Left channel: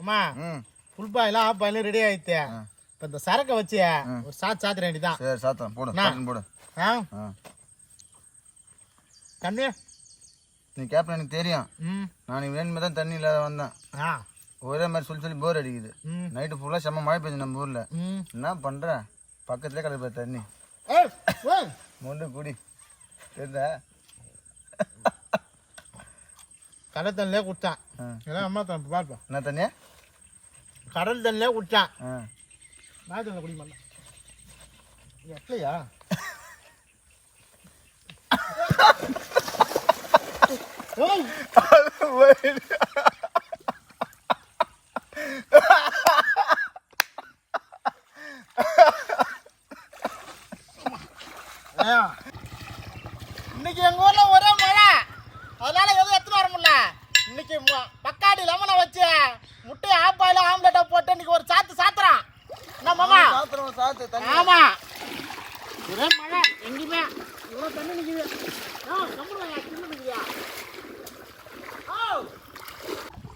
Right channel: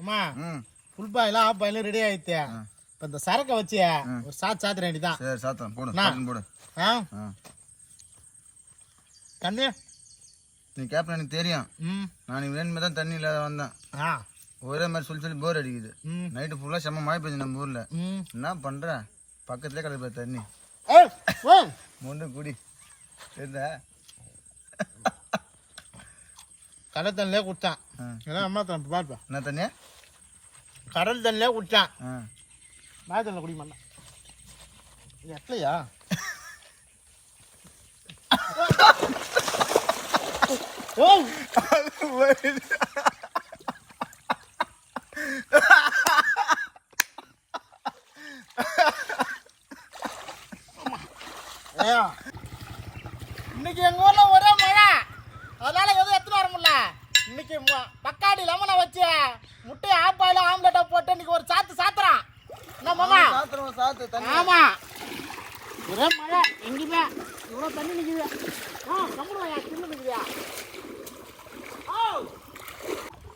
அம்மா full boil half boil ready ஆயிடுச்சு. இப்போ இந்த சரக்கை வச்சு ஒரு சாத்திர வேண்டியதான். சரி சாத்தம் போடு போடு. தண்ணி நீ கேப்டன் எனக்கு தெரியும். நான் வேணுமே தான் தண்ணி இல்லாத வந்தேன். ஒரே மாதிரி சொல்லி போர் அடிக்குது. நைட்டு ஃபுல்லாக செம்ம மழை பெய்யுது நம்ம ஊரில். என்ன பண்ணுற பக்கத்துலேயே கிடக்கு தண்ணி மொண்டு குடி தெரியுதா? கடல் தண்ணிலே குடித்தான். அம்மா தண்ணி பார்ப்பா. என்ன தண்ணி? கடல் தண்ணிலே குடித்தான். மழை தண்ணியில் குடிக்க மாட்டேன். இது எட்லையா? இன்னைக்கு எங்க ஊர்ல ஒரே மழை, அதனால எதுவும் எடுத்துட்டு வர முடியல. இன்னைக்கு பக்காடி லெமனை வச்சு முட்டையை ஆப்பாயில ஆம்லெட்டா போட்டு இன்னைக்கு ஒரு சாத்துறான். என்ன மாமா? ஆமா, ஒரே மழை எங்கேயுமே இவ்வளவு தண்ணி நிக்குது.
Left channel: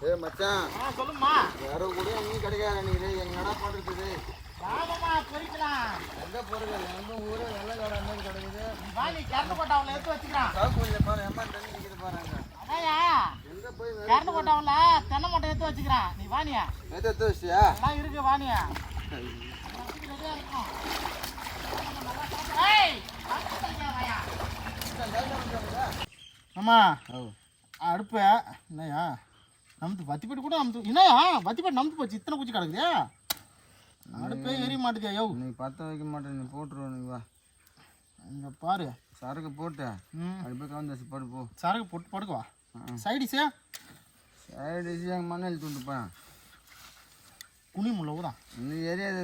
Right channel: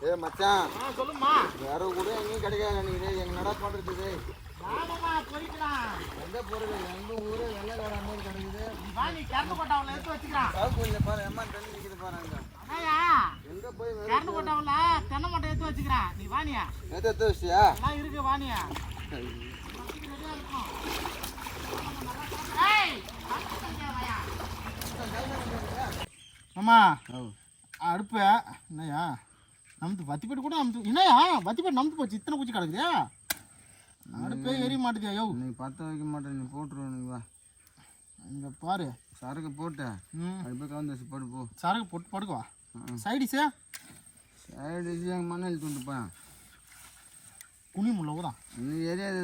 ஏய் மச்சான், சொல்லுமா. வேற கூட எங்கேயும் கிடைக்காது. நீங்க என்னடா பண்றது? வாமா போய்க்கலாம். எங்க போறது? எங்க ஊரே வெள்ளக்கார மாதிரி கிடைக்குது. வாணி கரண்ட் போட்டாவல எடுத்து வச்சுக்கிறான். சாவுக்குள்ள பாரு அம்மா தண்ணி நிக்குது பாருங்க. அண்ணா எங்க போய் கரண்ட் போட்டாவல தென்னை மட்டை எடுத்து வச்சுக்கிறான். நீ வாணியா? எடுத்து வச்சியா? நான் இருக்கு வாணியா. ஏய் அம்மா அடுப்ப என்னையா நமத்து வத்திப்பட்டு கூட நமத்து என்னையா வத்திப்பட்டு நமத்து போச்சு. இத்தனை குச்சி கிடக்குறியா? அடுப்பே எரிய மாட்டேதியா? யோ நீ பற்ற வைக்க மாட்டேன். நீ போட்டுருவோம். நீ வா இங்கே பாரு. சரக்கு போட்டு அடுப்பே கவுந்து வச்சு போட்டு போ. சரக்கு போட்டு படுக்குவா. சைடிஸா? சைடிஸ் எங்கள் மண்ணில் தூண்டுப்பா. குனி முள்ள ஊதான். நீ எரியாது.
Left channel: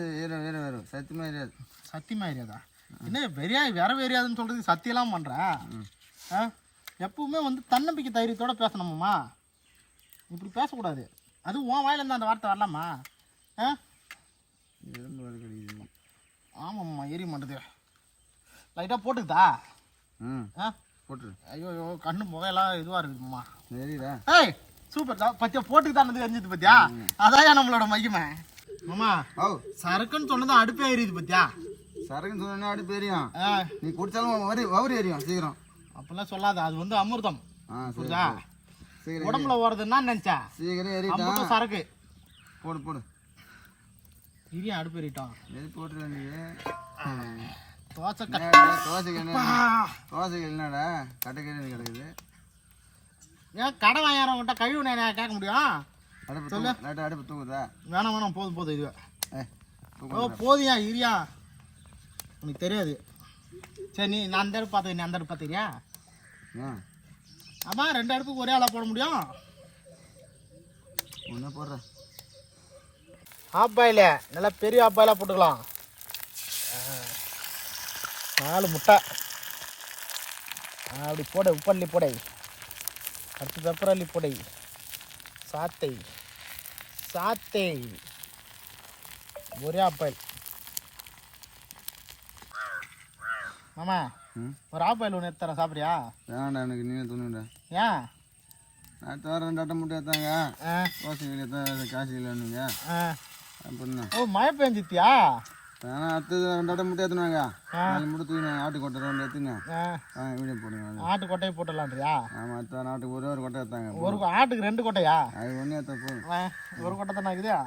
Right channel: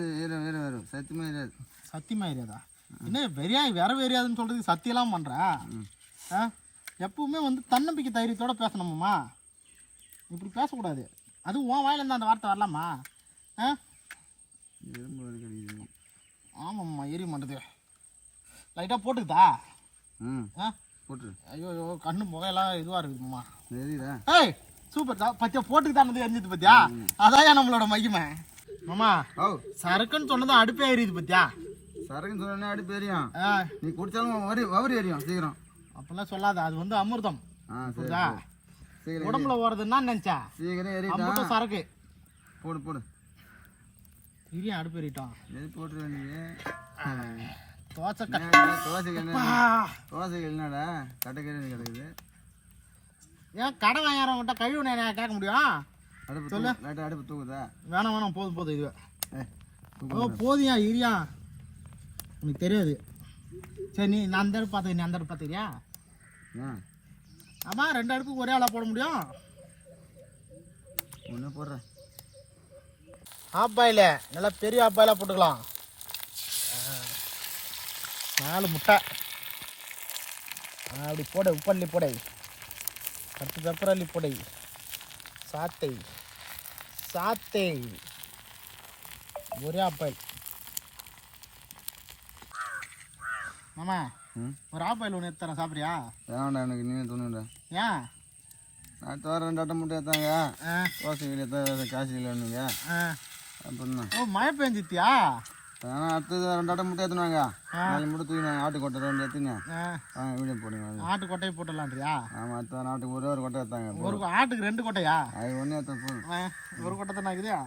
வேறு சத்தியமாக எரியாது. சத்தியமாக எரியாதா? என்ன வேற எரியாதுன்னு சொல்கிறதுக்கு சத்தியெல்லாம் பண்ணுற? எப்பவுமே வந்து தன்னம்பிக்கை தைரியத்தோடு பேசணுமாம்மா. இப்படி பேசக்கூடாது. அது உன் வாயிலேருந்து அந்த வார்த்தை வரலாமா? ஆமாம்மா எரிய மாட்டேது. லைட்டாக போட்டுக்குதா? போட்டு. ஐயோ கண்ணு முகையெல்லாம் இதுவாக இருக்குதும்மா. சரிடா. ஏய் சூப்பர் தான். பத்தியா போட்டுக்குதானது எரிஞ்சது பத்தியா? அதான் நம்மளோட மகிமை. மாமா சரக்குன்னு சொன்னதும் அடுப்பே எரியுது பத்தியா? சரக்குன்னு சொன்னா அடுப்பு எரியும். நீ குடிச்சாலும் வவுறு எரியும் சீக்கிரம். அப்படிலாம் சொல்லாத. அது வந்து அமிர்தம். புரியுதா? சீக்கிரம் உடம்புல ஓடுறதுன்னா நினச்சா சீக்கிரம் எரியும். சரக்கு போடு. இரியா அடுப்பு எறிட்டோம். போட்டுருவ நீ. தோசைக்கு என்னடா கட்டைக்கறி கிடக்குது. ஏன் கடை வாங்கிறவங்கிட்ட கழிவு நான் கேட்க முடியும்? அடுப்பு சொல்லு. லைட்டாக அடுப்பு தூக்குதா? வேணாம் போதும் இதுவே போதியா இரியா. உனக்கு தெரியாது. சரி நீ நான் அந்த அடுப்பு பார்த்துக்க. நீ அந்த அடுப்பு பார்த்துக்கிறியா? ஆமாம் 2 அடுப்புக்கு ஒரே ஆளாக போட முடியும். ஒன்று போடுறேன். ஆஃப் பாயில் நல்லா பெரிய ஆஃப் பாயிலாக போட்டுக்கலாம். 4 முட்டை அப்படி போட. உப்பள்ளி போடை. அடுத்து பெப்பரள்ளி போடை. சாத்தை ஒரே ஆஃப் பாயில். மாமா ஒரு ஆஃப் பாயில் ஒன்று எடுத்துறேன். சாப்பிட்றியா? வேணாண்டா எனக்கு. நீ துணுடா. ஏன்? நான் தவிர 2 அட்டை முட்டை எடுத்தாங்க. தோசை எடுத்தா காசு இல்லைன்னுங்க. அப்படின்னா மழை பெஞ்சித்தியா? ஆனால் அடுத்தது 2 அட்டை முட்டை எடுத்துனாங்க. 4 முட்டை தூக்கினாங்க. ஆட்டுக்கொட்டை 2 எடுத்துங்க. வீடியோ போடுங்க. ஆட்டு கொட்டையை போட்டுடலான்றியா? ஆமாம். அடுத்த ஆட்டுக்கு ஒரு கொட்டை எடுத்தாங்க. ஒரு ஆட்டுக்கு 2 கொட்டையா? அது ஒன்றே எடுத்த போதும். ஒரு கொட்டை தானே இருக்குதா?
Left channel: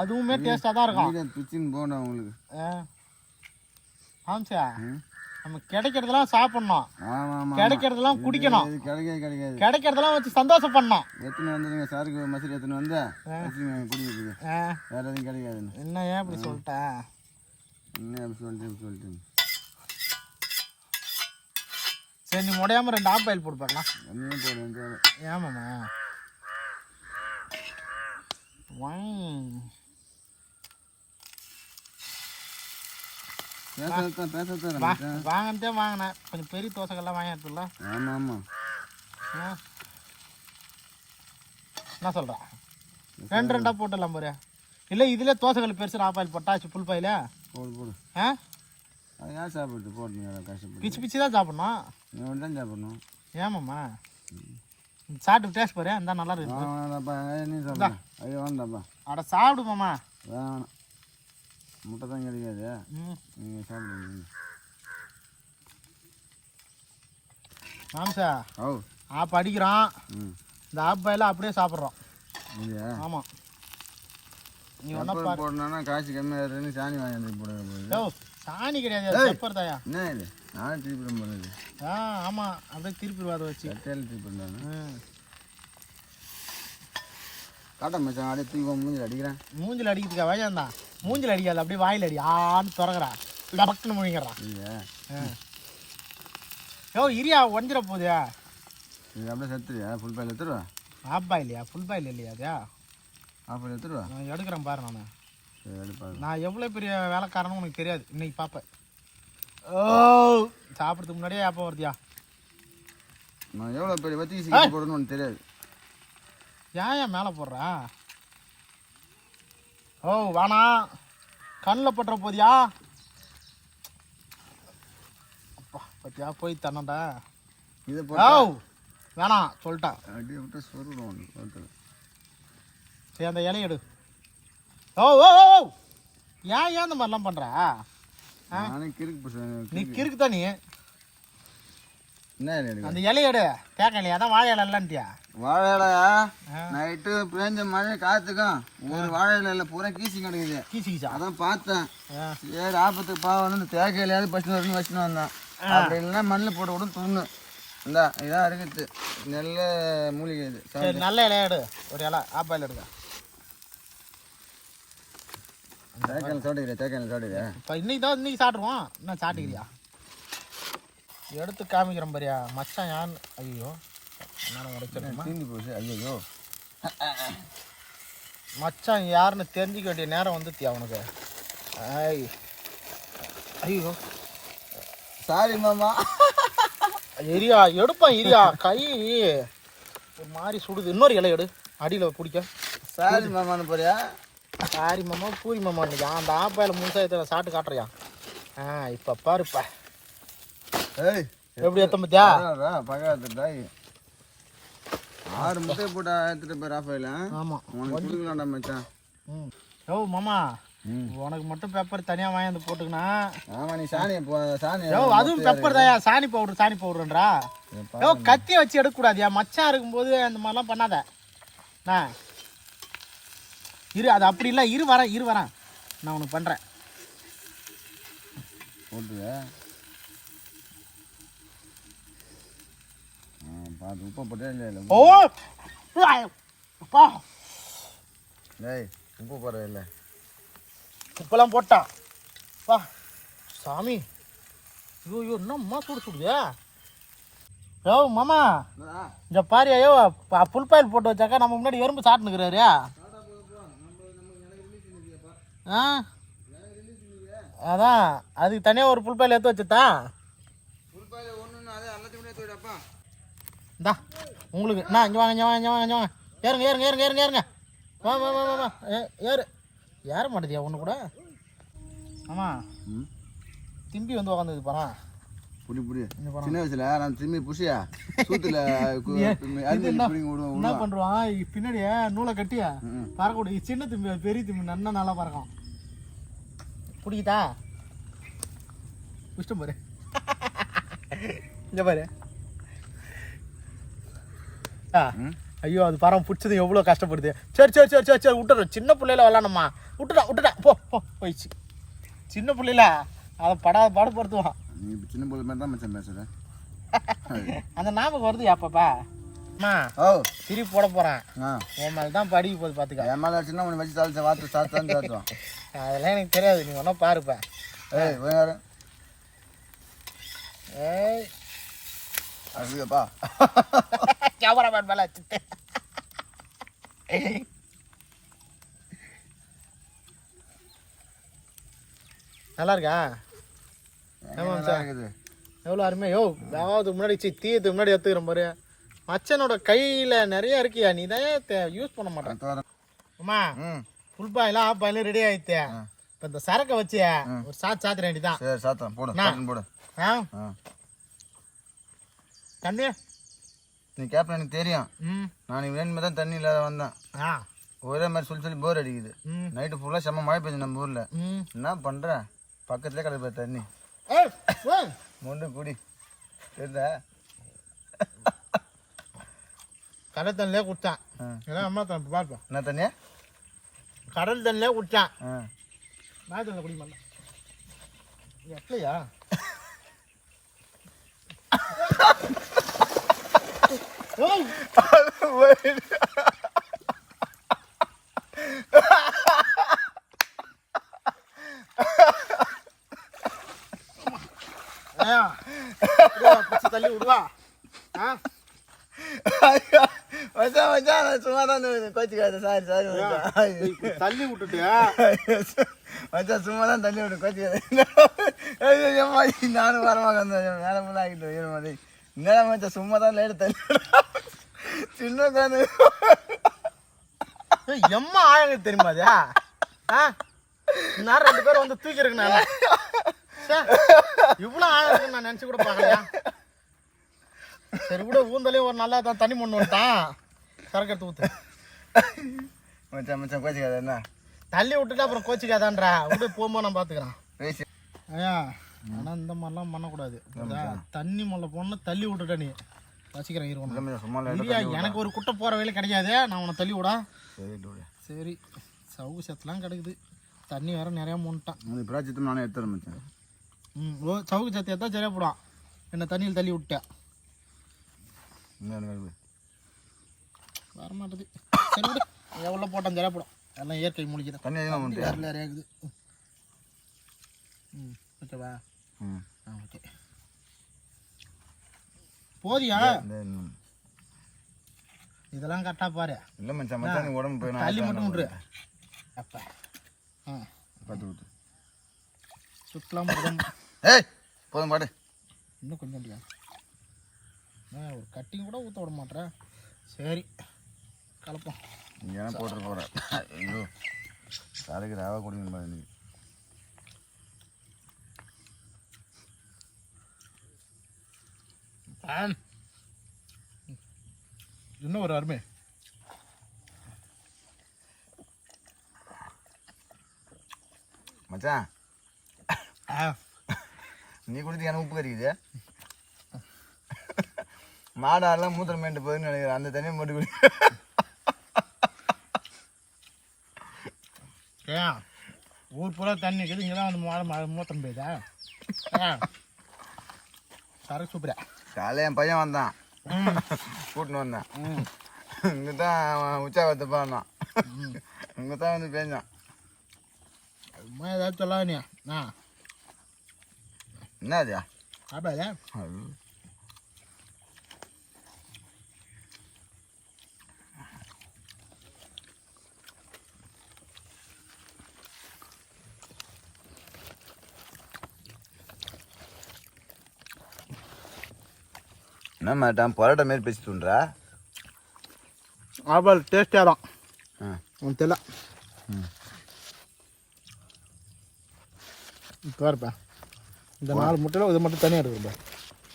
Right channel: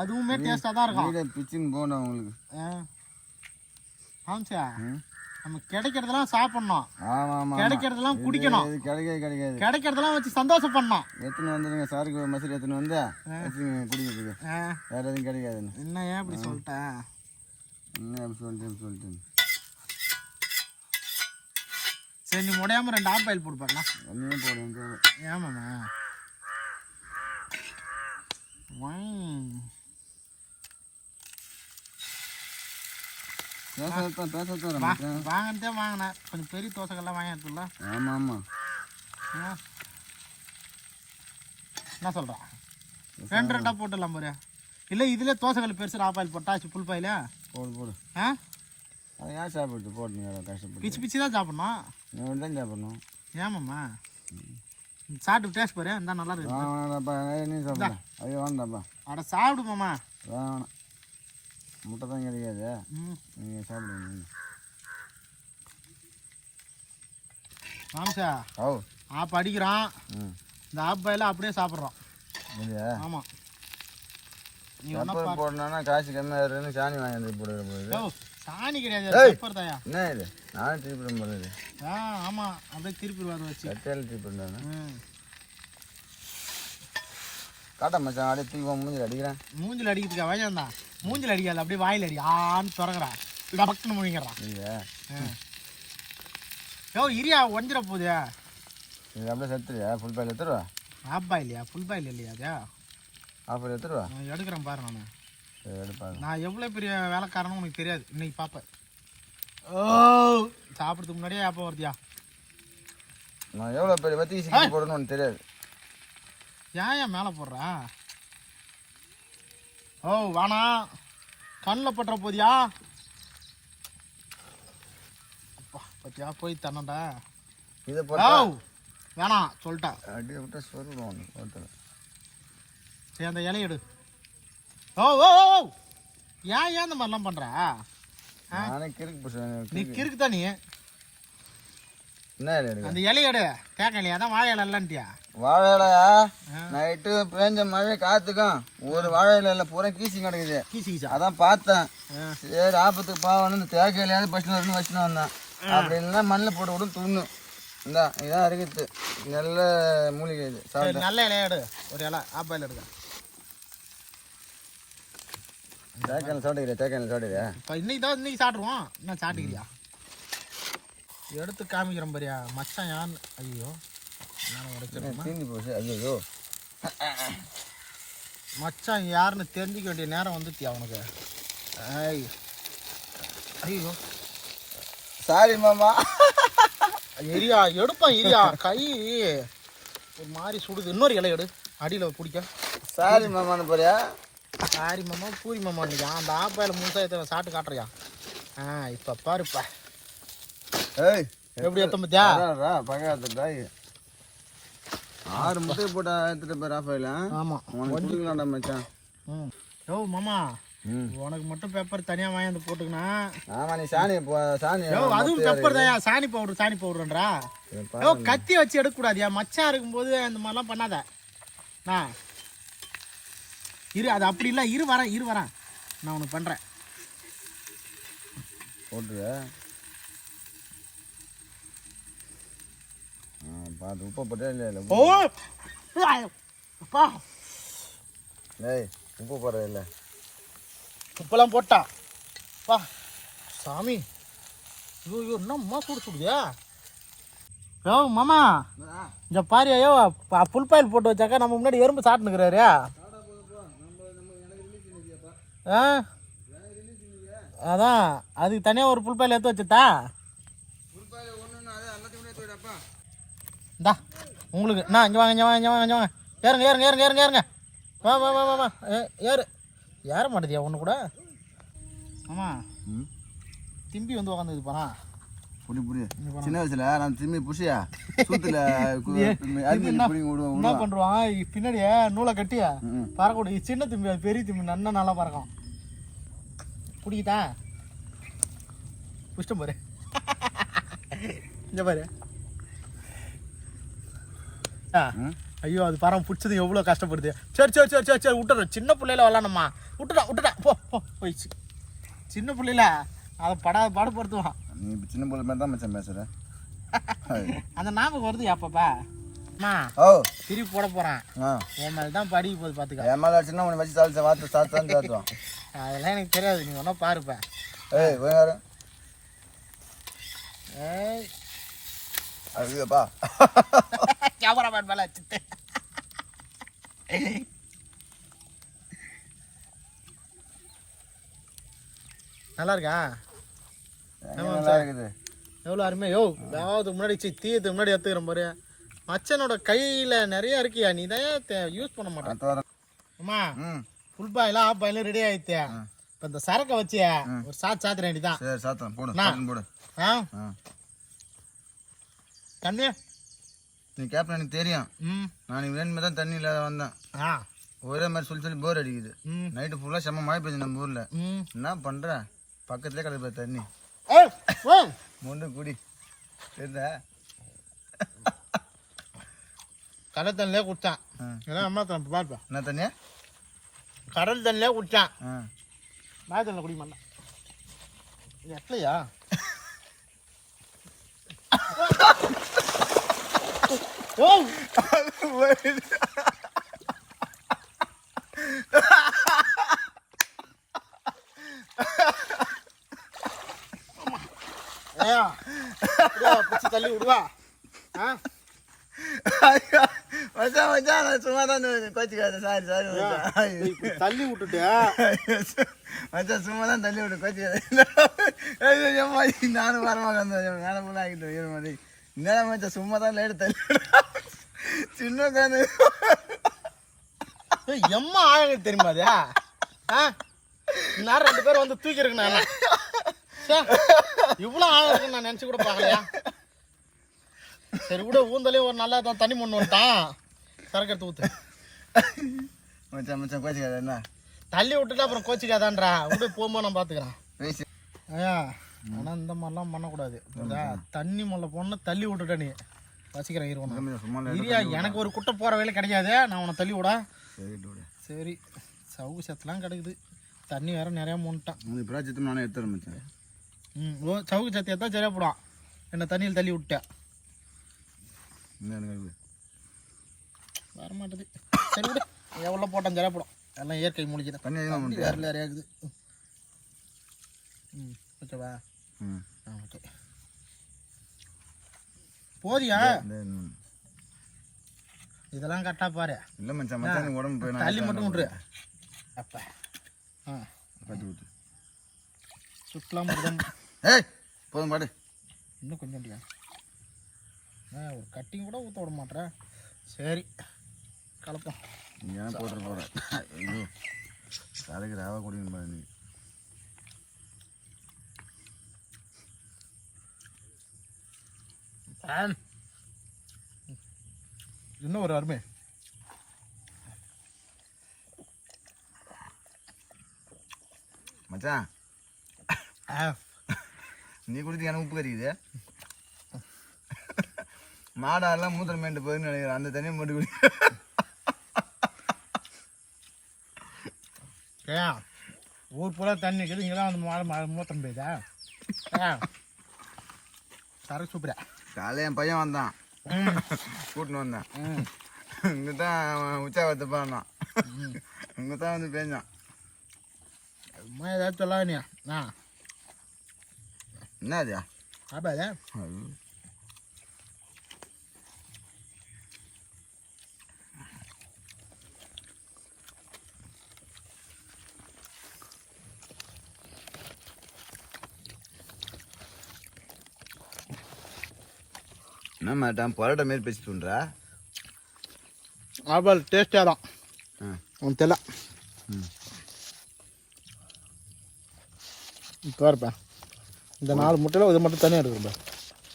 அதுவுமே டேஸ்ட்டாக தான் இருக்கும். பிச்சின்னு போகணும் உங்களுக்கு. ஆமாச்சா நம்ம கிடைக்கிறதெல்லாம் சாப்பிடணும். ஆமாம். கிடைக்கிறதெல்லாம் குடிக்கணும். கிடைக்காது. கிடைக்கிறதெல்லாம் வச்சு சந்தோஷம் பண்ணணும். எத்தனை வந்துடுங்க சாருக்கு மசூரி எத்தனை வந்து குடிக்கிறதுக்கு. வேற எதுவும் கிடைக்காதுன்னு. என்ன ஏன் அப்படி சொல்லிட்டேன்? என்ன அப்படி சொல்லிட்டேன். சரி நீ முடியாமல் 2 ஆஃப் பாயில் போட்டு பார்க்கலாம். ஒன்றுமே போடுவேன். ஏமாம்மா வாங்கினதே வாங்கினேன். கொஞ்சம் பெரிய தோசைகள்லாம் வாங்கினதுல. ஆமாம். என்ன சொல்கிறேன்? 2 போட்டுடலாம் பாரு. இல்லை இதில் தோசைகள் பெருசு ஆஃப் பாயில் போட்டாச்சு. ஃபுல் பாயில போடு. அது யார் சாப்பிட்டு போட்டுங்க? கஷ்டப்பட்டு பிச்சு தான் சாப்பிட்ணும். தான் சாப்பிடணும். ஏமாம்மா சாப்பிட்டு டேஸ்ட் பாரு அந்த நல்லா இருக்கு வேணாப்பா என்ன சாப்பிட ஐயோ வேண்டாப்பா அட சாப்பிடு மாமா வேணாம் முட்டை தான் கிடைக்காது நீங்கள் சாப்பிடுங்க மாம்சா ஓ ஆப் அடிக்கிறோம் இந்த ஆப் பாயில் அப்படியே சாப்பிட்றோம் இல்லையா ஆமாம் நீ பெப்பர் போடணும்னா காசு கம்மியாக இருக்குன்னு சாணி வாங்கி போடுறது சாணி கிடையாது பெப்பர் தாயா என்ன இது நான் திருப்பி பண்ணுறது ஆமாம் அப்படியே திருப்பி அதை வச்சு கட்டையில் திருப்பி பண்ணுறாங்க காட்ட மச்சான் அப்படியே தூக்கி மூஞ்சில் அடிக்கிறேன் மூஞ்சில் அடிக்கிறதுக்கா வேஜம் தான் மூஞ்சில் அடிக்காது அப்படியே வாயில் அடி ஆன்னு திறக்கிறா டபக்குன்னு முழிங்கிறான் இல்லையா இரியா ஒஞ்சிட போகுது இது அப்படியே செத்துருவியா ஃபுல் பாயில் எடுத்துருவா ஆப் பாயில்லையா ஃபுல் பாயில் இல்லையா அதா ஆஃபர் எடுத்துருவா நான் எடுக்கிறேன் பாரு நான் எடுப்பாரு நான் எவ்வளோ பெரிய வேலைக்காரனும் உனக்கு தெரியாது இன்னைக்கு பார்ப்பேன் ஓ சாப்பிட்றதுக்கு முன்னாடியே அப்போ வருதியா நான் எவ்வளோ பெரிய வத்தி சீக்கிரம் போடணும்னு உனக்கு தெரியாது ஏன் மேலே போடுறா ஓ வாணா கண்ணில் பட்டுற போதியா அப்பா பத்தியா போய் தரணும்டா இதை ஓ போட்டா வேணாம் சொல்லிட்டான் அப்படியே விட்டு சொருடும் ஒன்று ஒருத்தர் சரி அந்த இலையை எடு ஓ ஓ ஓ ஓ ஏன் இந்த மாதிரிலாம் பண்ணுற நானே கிறுக்கு பிடிச்சேன் நீ கிறுக்கு தான் நீ என்ன இலை எடுக்க அந்த இலையை எடு கேட்க இல்லையா அதான் வாழை இலை இல்லைன்ட்டியா வாழை இலை நைட்டு பேஞ்ச மழை காத்துக்கும் ஒரு வாழை இலையில பூரா கீசி கிடக்குது கீசா அதான் பார்த்தேன் சரி ஆபத்துக்கு பாவம் இந்த தேக்க இலையாவது பஸ்ட்டு வரணும்னு வச்சுன்னு வந்தேன் அப்படி இல்லைன்னா மண்ணில் போட்டு விடும் துண்ணு இந்தா இதான் இருக்குது நல்ல மூலிகை இது சரி நல்ல இலையை எடு ஒரு இலை ஆப்பாயில் எடுக்க தேக்கான சாப்பிட்டுக்கிறேன் தேக்கான சாப்பிட்டுக்கிறேன் இப்போ இன்னைக்கு சாப்பிடுவோம் என்ன சாப்பிட்டுக்கிறியா எடுத்து காமிக்கிறேன் பாரியா மச்சான் யான் ஐயோ நான் உடைச்சிருக்கேன் தீந்தி போச்சு ஐயோ மச்சான் யாருன்னு தெரிஞ்சிக்க வேண்டிய நேரம் வந்துட்டியா அவனுக்கு ஐய் ஐயோ சாரி மாமா எரியா எடுப்பான் எரியா கை ஒரு மாதிரி சுடுது இன்னொரு இலை எடு அடியில் பிடிக்க சாரி மாமான்னு போறியா சாரி மாமா பூரி மாமா இல்லையா அந்த ஆப்பாயில் முழுசாக சாப்பிட்டு காட்டுறியா இப்போ பாருப்பா ஏய் எப்படி எத்த பத்தியா பக்கத்துக்கு அவர் முட்டையை போட்டு எடுத்துட்டு போய் ராஃபாயில் ஆமாம் கொஞ்சம் மச்சான் யோ மாமா உனக்கு மட்டும் பெப்பர் தனியாக வாங்கி வந்து போட்டுக்கணா ஆமாம் நீ சாணி சாணி யோ அதுவும் பெப்பர் தான் சாணி பவுடர்ன்றா யோ கத்தியை வச்சு எடுக்கக்கூடாதியா மச்சான் இருக்கும்போது அந்த மாதிரிலாம் பண்ணாத இரு அது அப்படி இல்லை இரு வரேன் நான் உனக்கு பண்ணுறேன் போட்டுருவே பார்த்து உப்பை போட்டே இல்லை ஓ அப்பா டேய் உப்பு போடுறது இல்லை உப்பெல்லாம் போட்டா பா சாமி ஐயோ என்னம்மா சுடுதே யோ மாமா இந்த பாரு ஐயோ புல் பாயில் போட்டு வச்சாக்கா நம்ம முன்னாடி எறும்பு சாப்பிட்டுக்கிறாரு அதான் அதுக்கு தனியாக ஒரு புல் பாயில் எடுத்து வச்சுட்டா இந்தா உங்களுக்கு இங்கே வாங்க ஏறுங்க வா ஏற மாட்டேதியா ஒன்று கூட ஆமாம் திம்பி வந்து உக்காந்துக்குது பாரா புடி சின்ன வயசுல நான் திரும்பி புஷியா சூத்துல என்ன பண்ணுவான் பின்னாடியே நூலை கட்டியா பறக்கக்கூடிய சின்ன திம்பி பெரிய திம்பி நல்லா பறக்கும் பிடிக்கிட்டா புஷ்டம் பாரு இங்க பாரு ஐயோ அது பாரு பிடிச்சது எவ்வளோ கஷ்டப்படுது சரி விட்டுறோம் சின்ன பிள்ளையில விளாடணுமா விட்டுட்டா போ போயிடுச்சு சின்ன பிள்ளையில அதை பாடுபடுத்துவான் நீ சின்ன பிள்ளை மாதிரி தான் மச்சான் பேசுற அந்த ஞாபகம் வருது அப்பப்பா திருப்பி போட போறேன் என் மேல தான் படிக்க போகுது பாத்துக்க என் மேல சின்ன உனக்கு வச்சு சாப்பிட்டு சாப்பிடுவான் அதெல்லாம் எனக்கு தெரியாது நீ ஒன்றும் பாருப்ப அதுப்பா கேமராமேன் மேல வச்சுட்டு நல்லா இருக்கா எவ்வளோ அருமையா யோ அதாவது முன்னாடி தீயத்துக்கு முன்னாடி எடுத்துக்கிறேன் பாரு மச்சனோட கையில் நிறைய இருக்கியா நீ தான் யூஸ் பண்ண மாட்டேன் அம்மா ஃபுல் பாயிலாம் ஆஃப் பாயிலும் ரெடி ஆயிடுச்சு இப்போ இந்த சரக்கை வச்சு ஒரு சாத்திர வேண்டிதான் சரி சாத்தம் போடு போடு கண்ணு நீ கேப்டன் எனக்கு தெரியும். நான் நீ வேணுமே தான் தண்ணி இல்லாத வந்தேன். ஒரே மாதிரி சொல்லி போர் அடிக்குது. நைட்டு ஃபுல்லாக செம்ம மழை பெய்யுது நம்ம ஊரில். என்ன பண்ணுற? பக்கத்துலேயே கிடப்ப தண்ணி முண்டு குடி தெரியுதா? கடல் தண்ணிலே குடித்தான். அம்மா பார்ப்பேன். என்ன தண்ணியா? கடல் தண்ணிலே குடித்தான். நான் தண்ணியில் குடிக்க மாட்டேன். எட்லையா? தள்ளி விடுவா. சும்மா தான் கோச்சிக்காத. சாரி தள்ளி விட்டுட்டு மச்சான் சும்மா தான் தள்ளி விட்டு கோச்சிக்காத. நானும் வரமாக வேலை ஃபுல்லாக ஆகிட்டு மாதிரி என்ன மச்சான் சும்மா தான் லேடு தள்ளி சின்ன காணு எம்மா ஆழங்க தெரியுமா அது? நான் 2 பேரும் வந்து தூக்கி இருக்குண்ணா. இவ்வளோ ஆழம் இருக்குன்னு நான் நினச்சி கூட பார்க்கலையா? சரி விட ஊந்தலையும் ஒரு நல்லா தான் தண்ணி மண்ணு வந்துட்டான். சரக்கு எடுத்து ஊற்று மச்சான். மச்சான் கோச்சிக்காத. என்ன தள்ளி விட்டுட்டு அப்புறம் கோச்சிக்காதான்றா. விட்டு போகும்போது நான் பார்த்துக்கிறேன். ஐயா ஆனால் இந்த மாதிரிலாம் பண்ணக்கூடாது. தண்ணி முல்லை போனால் தள்ளி விட்டுட்ட நீ வசிக்கிறேன். இருவா எனக்கு ஒரு குட்டை போகிற வேலை கிடைக்காது. நான் உன்னை தள்ளி விடா. சரி சவுகு சத்துலாம் கிடக்குது. தண்ணி வேற நிறையா மூண்டுட்டான். சித்தம் நானே எடுத்துறேன் மச்சான். ஓ சவுகு சத்து எடுத்தால் சரியாக போடும். என்ன தண்ணியில் தள்ளி விட்டேன். வர மாட்டேது. சரி விடு. எவ்வளோ போட்டான் சரியாக போடும். எல்லாம் இயற்கை மூலிக்கை தண்ணி வேற நிறையா இருக்குது. ஓகேவா? ஓகே போதியா? இதெல்லாம் கரெக்டாக பாரு. இல்லை மச்சான். மச்சான் உடம்பு போய் தள்ளி மட்டும் விட்ரு. அப்போ பார்த்து விட்டு சுற்றலாம் மிருகம். போதும் பாடு. இன்னும் கொஞ்சம் ஒரு கட்டிங் கூட ஊற்ற விட மாட்டேறேன். சரி கலப்போம். நீ ஏன்னா போட்டு போகிறேன். தலைக்கு ராவா குடிக்கணும் பாரு நீ. இன்னும் ஒரு அருமை. மச்சான் நீ குடிச்சு எனக்கு உப்பு கறிக்குது. மாடாலாம் மூத்திரம் மேண்டு போயின்னு நினைக்கிறேன். அந்த தண்ணியை மட்டும் குடி. ஏன் ஊர் பூரா தண்ணி இருக்குது. இங்கெல்லாம் வந்து மாடை மூத்திரம் போயுதா? சரக்கு சூப்பரா. காலையில் என் பையன் வந்தான். கூட்டின்னு வந்தான். இங்கே தான் உற்சாகத்தப்பா வந்தான். இங்கே தான் வந்து பேஞ்சான். அம்மா ஏதாச்சும் சொல்லா நீ? என்ன அதுயா? ஆபாதா? என்ன மேட்டான் பரோட்டா மாரி பேசிட்டுன்றா? ஆபால் டேஸ்டாக தான் உனக்கு தெரியல. இப்போ இருப்பேன். இந்த 4 முட்டையில் இது மட்டும் தனியாக எடுக்கிறப்ப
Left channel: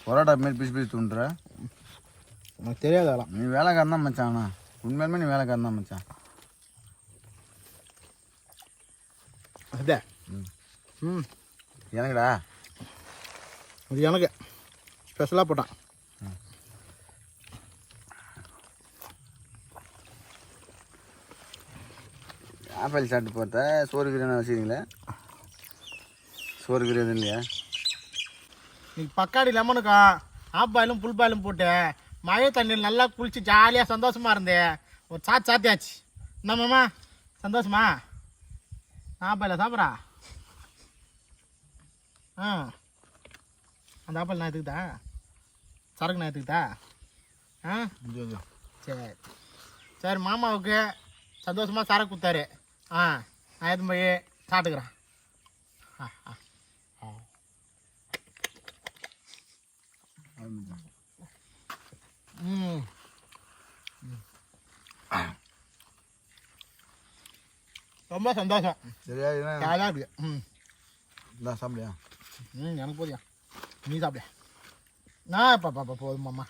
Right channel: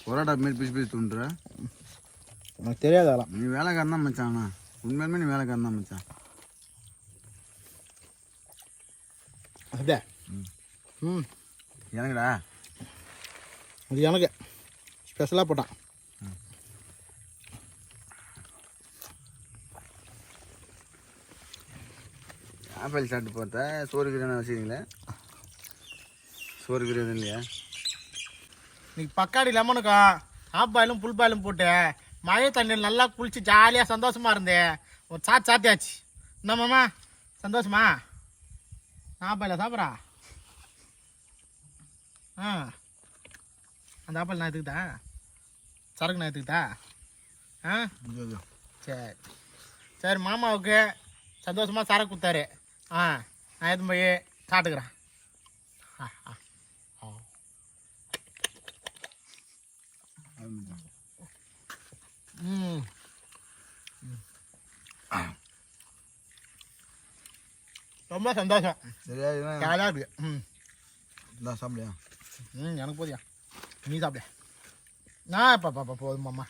பரோட்டா மாரி பேசிட்டுன்றா? உனக்கு தெரியாதாலாம். நீ வேலைக்காரன் தான் மச்சான். உண்மையுமே நீ வேலைக்காரன் தான் மச்சான். அதே எனக்குடா இது எனக்கு ஸ்பெஷலாக போட்டான். ஆப்பிள் சாப்பிட்டு பார்த்தா சோறு கிரேனா வச்சுக்கிறீங்களே? சோறு கிரேது இல்லையா? இன்னைக்கு பக்காடி லெமனுக்கும் ஆஃப் பாயிலும் புல் பாயிலும் போட்டு மழை தண்ணியில் நல்லா குளிச்சு ஜாலியாக சந்தோஷமாக இருந்தேன். ஒரு சாத்தியாச்சு. என்னம்மாம்மா சந்தோஷமா? ஆஃப் பாயில சாப்பிட்றா? அந்த ஆப்பிள் நான் எடுத்துக்கிட்டா? சரக்கு நான் எடுத்துக்கிட்டா? சரி சரி. மாமாவுக்கு சந்தோஷமாக சரக்கு கொடுத்தாரு. நான் எதுவும் போய் சாப்பிட்டுக்கிறேன். ரொம்ப சந்தோஷம். சரியா? ஜாலியாக இருக்கு. இதான் சாப்பிடுயா? எனக்கு போதியா? நீ சாப்பிட. நான் பாப்பா போதுமாம்மா.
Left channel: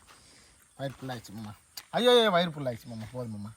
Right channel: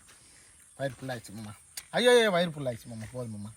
வயிறு ஃபுல்லாகிடுச்சு மாமா. ஐயோ வயிறு ஃபுல்லாகிடுச்சு மாமா, போதும் மாமா.